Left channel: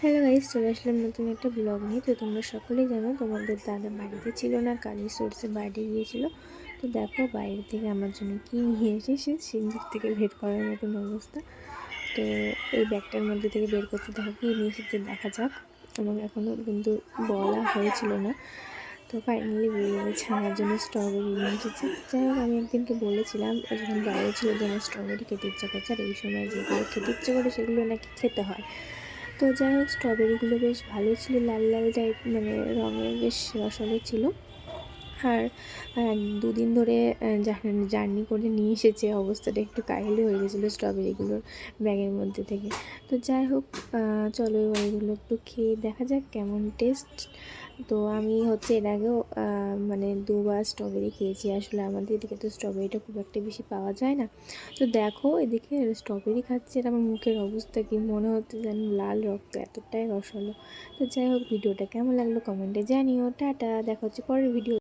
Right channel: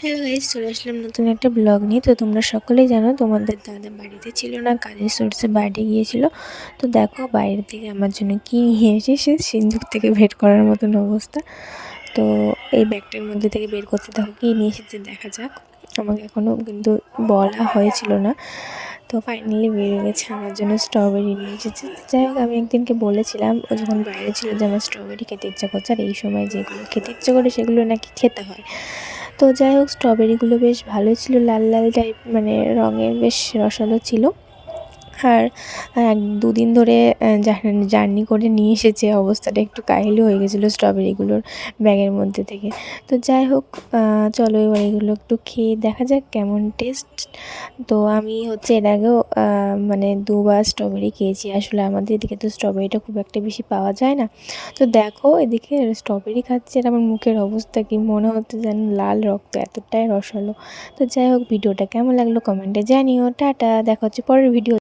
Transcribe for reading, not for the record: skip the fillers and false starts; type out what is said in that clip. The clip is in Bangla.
হ্যালো গাইস, চলে আসলাম নতুন একটা ব্লগ নিয়ে। তো তোমরা সকলেই জানো তোমাদের দাদা বাড়িতে ছিল না, কাজের সোর্সে বাইরে গিয়েছিল। তো দেখো বাইরে থেকে আমার জন্য কী নিয়ে এসেছে, সিন্দুক থেকে বের করার মতন অবস্থা। তো এই ব্যাগটার মধ্যে থেকে বের করতে দেখো কী নিয়ে এসেছে, দেখা যাক। আমাকে এখনও কিন্তু বলা হয়েছিল না। তো ফাইনালি বেরিয়ে গেছে, আমার জন্য স্ট্রবেরি নিয়ে এসেছে। যাই হোক, আমি একদিনকে বলেছিলাম ও যখন বাইরে ছিল যে আমার স্ট্রবেরি খেতে ইচ্ছা করছে, আর এই সময় যেগুলো খেতে ইচ্ছে করে সেগুলো নাকি খেতে হয়। তো যাই হোক, স্ট্রবেরিগুলো বেশ ভালো ছিল, লাল লাল টাইপ মানে রঙের, বেশ রসালো ছিল। আর 2 দিন ধরে জার্নি করে নিয়ে এসেছে, অবস্থাটা একটু কাহিল হয়ে গেছিলো স্ট্রবেরিগুলোর ব্যাগের মধ্যে থেকে। তো যাই হোক, চলো এবার এগুলো একটু খেয়ে দেখা যাক কেমন টেস্ট। তো আমি হচ্ছে এর আগেও মানে 2বার স্ট্রবেরি খেয়েছি। আসলে আমাদের এদিকে তো স্ট্রবেরিটা খুব একটা বেশি পাওয়া যায় না। তো দেখো এদিকে স্ট্রবেরি খাচ্ছে আর আমার মুখের অবস্থা কি, মনে হচ্ছে যেন লাল রক্ত, এতটাই রসালো। তো যাই হোক, ভিডিওটা কেমন লাগলো কমেন্টে জানিও। টাটা, দেখা হচ্ছে পরের ভিডিও।